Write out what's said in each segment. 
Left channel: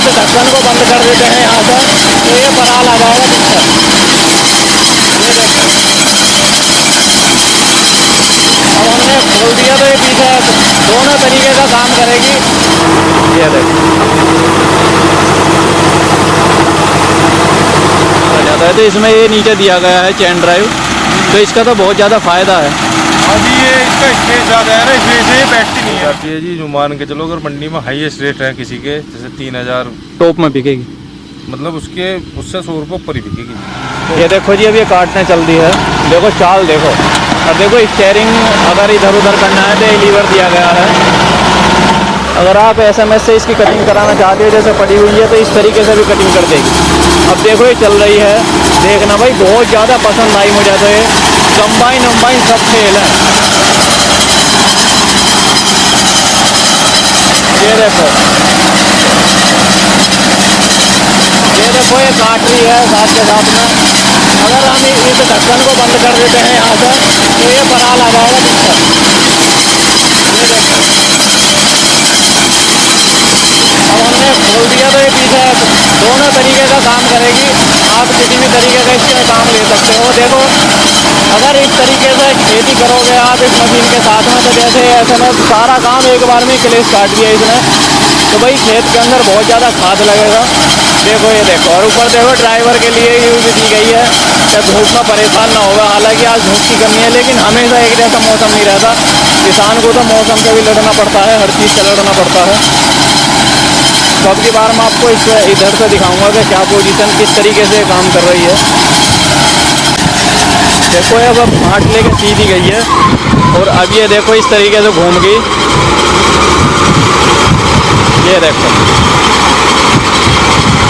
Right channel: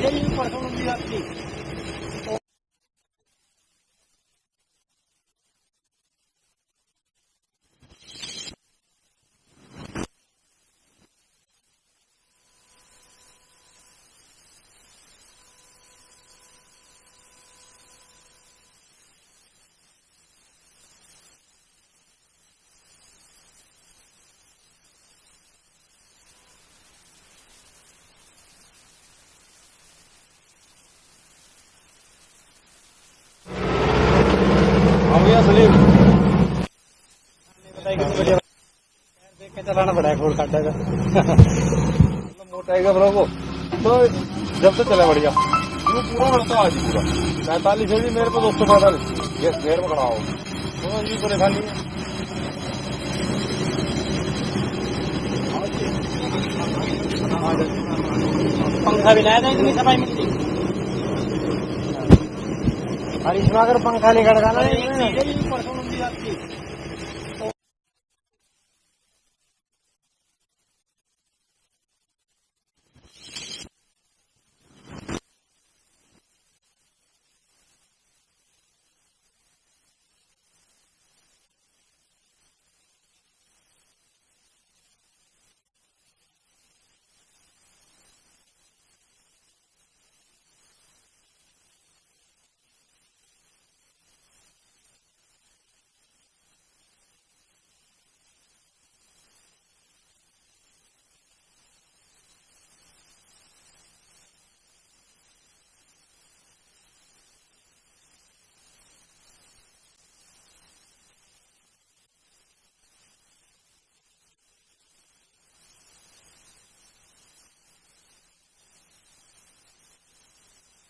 इस ढक्कन को बंद कर देते हैं यहाँ से तो ये पराल आ जाएगा पीछे। ये देखो अब हमने खोल दिया तो ये पीछे दोनों तरीके का काम करेगी। ये देखो जाता है तो इसमें ये नीचे दिया गया है चेन ड्राइव, तो इसका तो बहुत ज़्यादा फ़ायदा है। अभी ये इसका स्टेज ज़्यादा है ना, इसलिए से ये बैठती नहीं है जी। जो मान के चलो अगर मंडी में हाईएस्ट रेट है किसी के जैसे 3000 टॉप में बिकेगी, मतलब उसके उससे 100 रुपये ऊपर ही बिकेगी। ये देखो जी अब ये काटने चल दी है, देखो चाल देखो। और देखो स्टीयरिंग अगर इधर उधर करना है तो ये लीवर दिया गया है। अगर आप SMS से इसकी कटिंग कराना चाहते हो जैसे पड़ी हुई है तो इस तरीके से भी कटिंग कर देगी। अब देखो ये चल रही है, देखना भाई बहुत ज़्यादा पसंद आई मुझे तो ये कंबाइन वम्बाइन सब फेल है। ये देखो ये काट रही है साथ के साथ में। अगर हम इस ढक्कन को बंद कर देते हैं यहाँ से तो ये पराल आ जाएगा पीछे। ये देखो अब हमने खोल दिया तो ये पीछे दोनों तरीके का काम करेगी। आप किसी भी तरीके का इसमें काम ले सकते हो। देखो अगर इस तरीके से खेती करोगे आप इस मशीन के साथ में तो जैसे ऐसे में सारा काम एक बार में क्लेश काट दिया इसने, तो भाई खेत के अंदर बहुत ज़्यादा खाद लगेगा। देखो ये देखो और ऊपर देखो ड्राइवर के लिए यूज दी गई है कि धूप में परेशान ना होगा। हालांकि आज धूप की कमी है लेकिन हमेशा एक जैसा मौसम नहीं रहता, किसान को तो मौसम से भी लड़ना पड़ता है, हर चीज़ से लड़ना पड़ता है। तो अब की बार मैं आपको इस इधर से दिखाऊंगा कि क्या पोजीशन किस तरीके से काम कर रही है। देखो अब फाट लेके सीधी गई है और अब ये देखो इस तरीके से घूम गई। ये देखो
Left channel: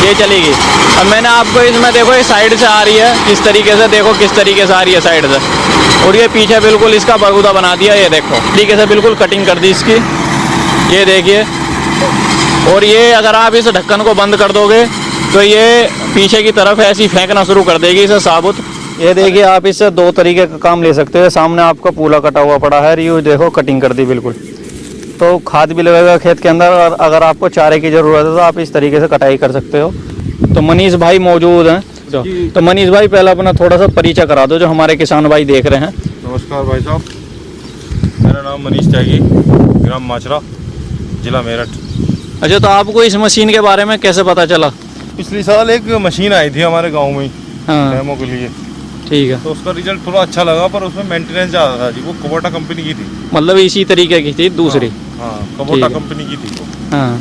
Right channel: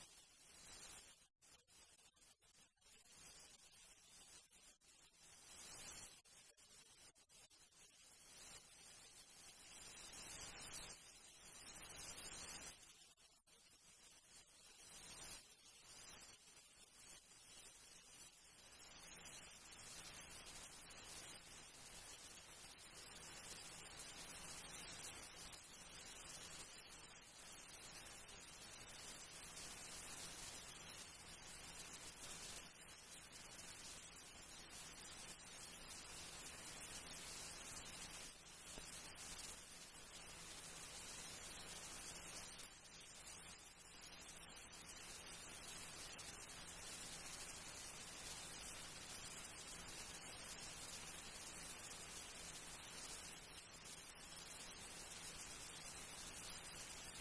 ये चली गई। अब मैंने आपको इसमें देखो ये साइड से आ रही है किस तरीके से, देखो किस तरीके से आ रही है साइड से, और ये पीछे बिल्कुल इसका बगुदा बना दिया। ये देखो तरीके से बिल्कुल कटिंग कर दी इसकी, ये देखिए। और ये अगर आप इस ढक्कन को बंद कर दोगे तो ये पीछे की तरफ ऐसी फेंकना शुरू कर देगी इसे साबुत। ये देखिए आप इससे दो तरीके का काम ले सकते हो। सामने आपका पूला कटा हुआ पड़ा है, ये देखो कटिंग कर दी बिल्कुल, तो खाद भी लगेगा खेत के अंदर। और अगर आपको चारे की ज़रूरत है तो आप इस तरीके से कटाई कर सकते हो। तो मनीष भाई मौजूद हैं, तो मनीष भाई पहले अपना थोड़ा सा परिचय करा दो जो हमारे किसान भाई देख रहे हैं। नमस्कार भाई साहब, मेरा नाम मनीष त्यागी, ग्राम माचरा, जिला मेरठ। अच्छा, तो आपको इस मशीन के बारे में कैसे पता चला? पिछले साल एक मशीन आई थी हमारे गाँव में ही डेमो के लिए, ठीक है। तो उसका रिजल्ट थोड़ा अच्छा लगा पर उसमें मेंटेनेंस ज़्यादा था जी। वो कुबोटा कंपनी की थी, मतलब इसी तरीके की थी दूसरी? हाँ कुबोटा कंपनी की थी। हाँ,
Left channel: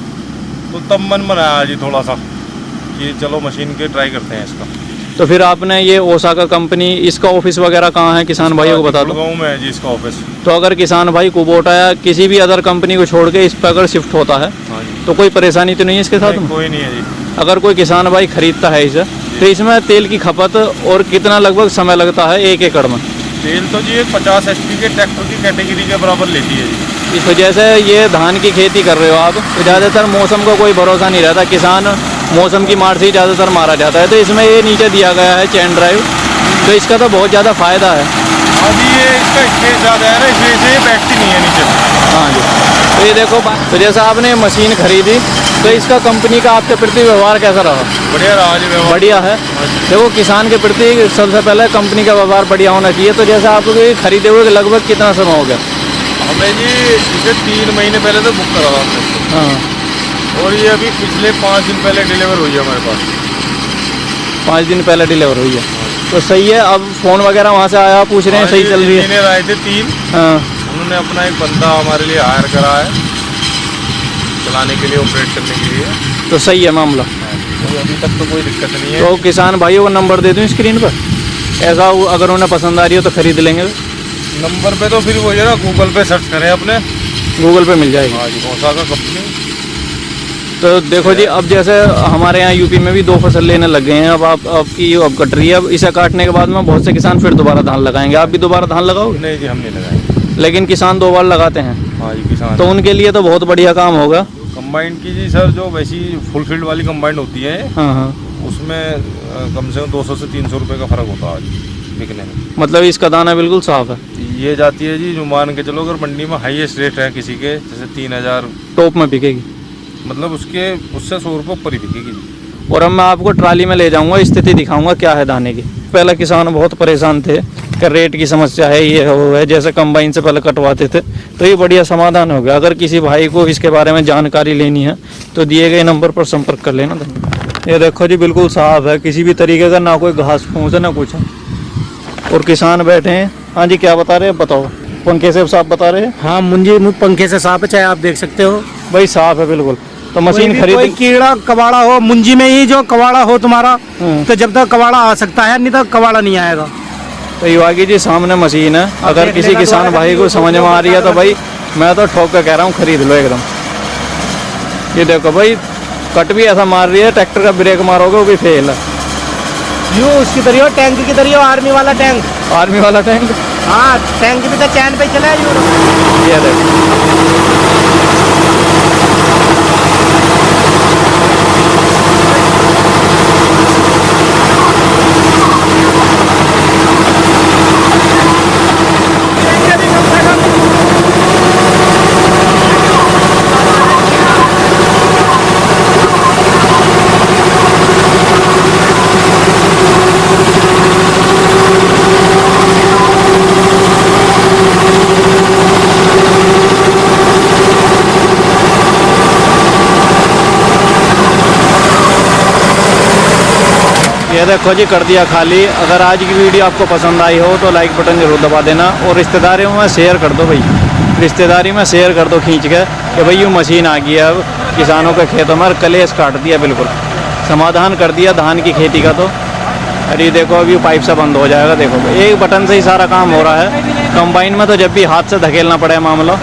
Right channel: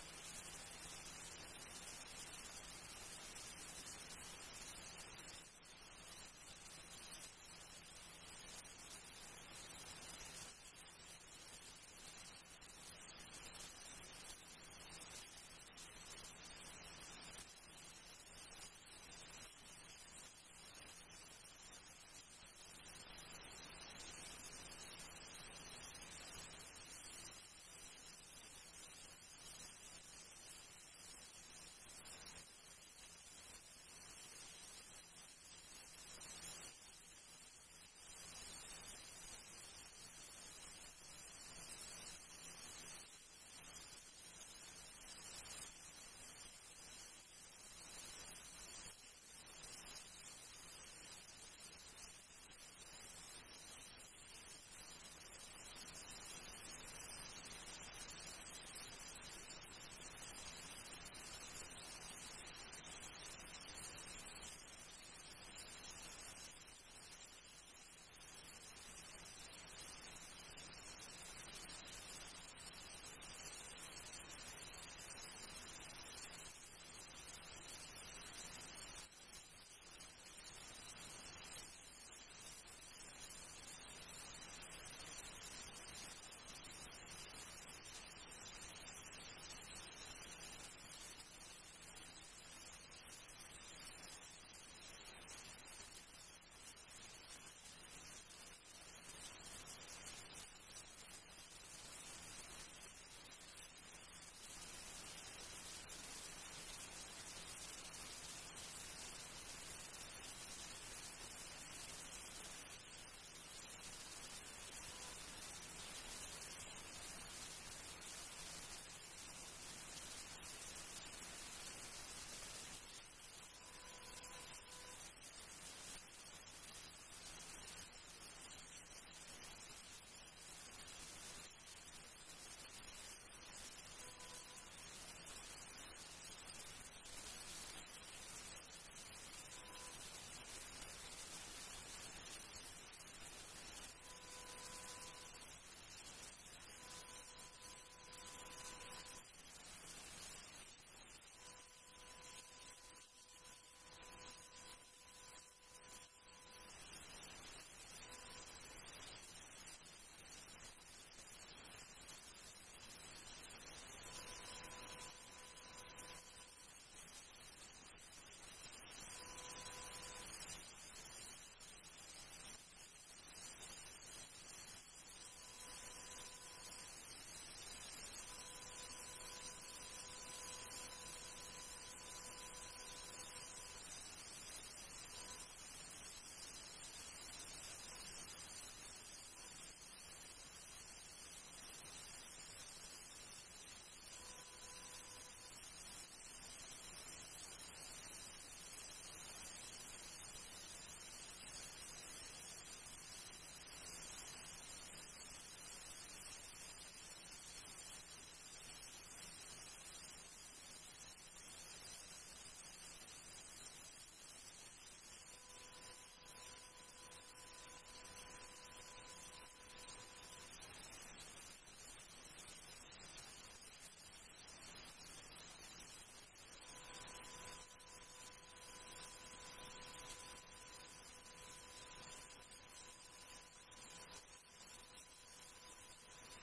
तो तब मन बनाया जी थोड़ा सा कि चलो मशीन के ट्राई करते हैं इसका। तो फिर आपने ये ओसाका कंपनी, इसका ऑफिस वगैरह कहाँ है किसान भाइयों को बता दो। गाँव में है जी इसका ऑफिस। तो अगर किसान भाई कुबोटा या किसी भी अदर कंपनी को छोड़ के इस पर अगर शिफ्ट होता है तो कोई परेशानी तो नहीं है इसके साथ में? कोई नहीं है जी। अगर कोई किसान भाई खरीदता है इसे तो इसमें तेल की खपत और कितना लगभग समय लगता है 1 एकड़ में? तेल तो जी 50 HP के ट्रैक्टर की कैटेगरी के बराबर लेती है जी। इस वजह से ये धान की खेती कर रहे हो आप, तो ज़्यादातर मौसम का कोई भरोसा नहीं रहता, किसान मौसम की मार से ही ज़्यादातर मारा जाता है। तो इसमें ये नीचे दिया गया है चेन ड्राइव, तो इसका तो बहुत ज़्यादा फ़ायदा है। अभी ये इसका स्पेस ज़्यादा है ना, इसलिए से ये बैठती नहीं है नीचे। हाँ जी, तो ये देखो, तो जैसा आपने मशीन खरीदी तो इसका कंपनी का आपके प्रति व्यवहार कैसा रहा? बढ़िया रहा जी व्यवहार। बढ़िया है। देखो किसान के प्रति सबसे पहले कंपनी का व्यवहार बढ़िया होना चाहिए। तो जैसा आप खरीदे हुए लगभग कितना समय हो गया? हमें जी इसे 3 महीने पहले तो बुक करा था हमने। हाँ, और ये अभी पिछले 5 दिन पहले डिलीवर हुई है हमारे पास। 5 दिन पहले डिलीवर हुई है, तो सही है। अब फ़ोन वगैरह वहाँ से आया, पूछ रहे हैं सही चल रही है? इंजीनियर आए थे 3, हाँ, उन्होंने अपना एक बंदा हमारे लिए हायर करा है चलाने के लिए, ऑपरेट करने के लिए। तो सही है मामला। तो अभी तक तो कोई दिक्कत नहीं है। तो किसान भाइयों का नंबर दे दूँ स्क्रीन पर, ऐसा अगर उन्हें पसंद आ रही हो तो खरीद लेंगे। नंबर पे तो फिर वो है ना, गूगल पे सर्च करें अपने, गूगल पे मिल जाएगी। हाँ जी, ओसाका कंपनी। तो देखो जी, अब जैसे हमारे यहाँ यूपी में भी 2 फसल लेने लग गए हैं। अब आपकी अब कट रही है, अब इसे काटने के बाद में बहुत से किसान फिर दोबारा धान लगाएंगे। आप भी दोबारा धान लगाओगे? नहीं जी, हम नहीं लगाएंगे। लेकिन किसान 2 बार लगाते हैं। हाँ जी, किसान तो उनके लिए तो बहुत बढ़िया काम होगा। कंबाइन की जी सर, जो वैसी फुल फील्ड वाली कंबाइन होती है, हाँ हाँ, उसमें कम से कम 200 से 300 रुपये का फ़र्क होता है बिकने में। मतलब इसका दाना बिल्कुल साफ है। ये जाती है जी, जो मान के चलो अगर मंडी में हाईएस्ट रेट है किसी के जैसे 3000 टॉप में बिकेगी, मतलब उससे 100 रुपये ऊपर ही बिकेगी जी। और अब मैं आपको ट्राली में ले जाऊंगा, स्थिति दिखाऊंगा क्या है दाने की। पहले किसान बहुत परेशान थे कि रेट की समस्या है, ये है वो है, जैसे कंबाइन से पहले कटवाते थे, तो ये बढ़िया समाधान हो गया। अगर किसी भाई को इसके बारे में जानकारी लेनी है तो दिए गए नंबर पर संपर्क कर लेना। ये देखो जी बिल्कुल साफ है, किसी भी तरीके का ना कोई घास फूस है ना कुछ है। और किसान बैठे हैं। हाँ जी क्या बता रहे हैं, बताओ। पंखे से साफ बता रहे हैं? हाँ, मुंजी पंखे से साफ है, चाहे आप देख सकते हो भाई साफ है बिल्कुल। तो मशीन कोई खरीद, कीड़ा कबाड़ा हो मुंजी में ही, जो कबाड़ा हो तुम्हारा, तो जब तक कबाड़ा आ सकता है, नहीं तो कबाड़ा नहीं आएगा। तो युवागी जी सामने मशीन है, अगर किसी किसान भाई को समझ में आ रही है तो भाई मैं तो ठोक के कह रहा हूँ खरीद लो एकदम। ये देखो भाई कट भी ऐसा मार रही है, ट्रैक्टर का ब्रेक मारोगे वो भी फेल है। यूँ उसकी तरह हो, टैंक की तरह हो, आर्मी वाला टैंक। आर्मी वाला टैंक। हाँ, टैंक भी तो चैन पे चला है यूँ। ये देखो ये देखो जी कर दिया खाली। अगर आज की वीडियो आपको पसंद आई हो तो लाइक बटन जरूर दबा देना, और रिश्तेदारियों में शेयर कर दो भाई, रिश्तेदारी में शेयर कर दो खींच के कि भाई यूँ मशीन आ गई है अब किसानों के खेतों में, कलेश काट दिया, बिल्कुल समाधान कर दिया धान की खेती का। तो अरे देखो अभी पाइप से बंद हो जाएगा। देखो एक बटन से ही सारा काम हो रहा है। कंबाइन में तो जब भी हाथ से धकेलना पड़े मामला,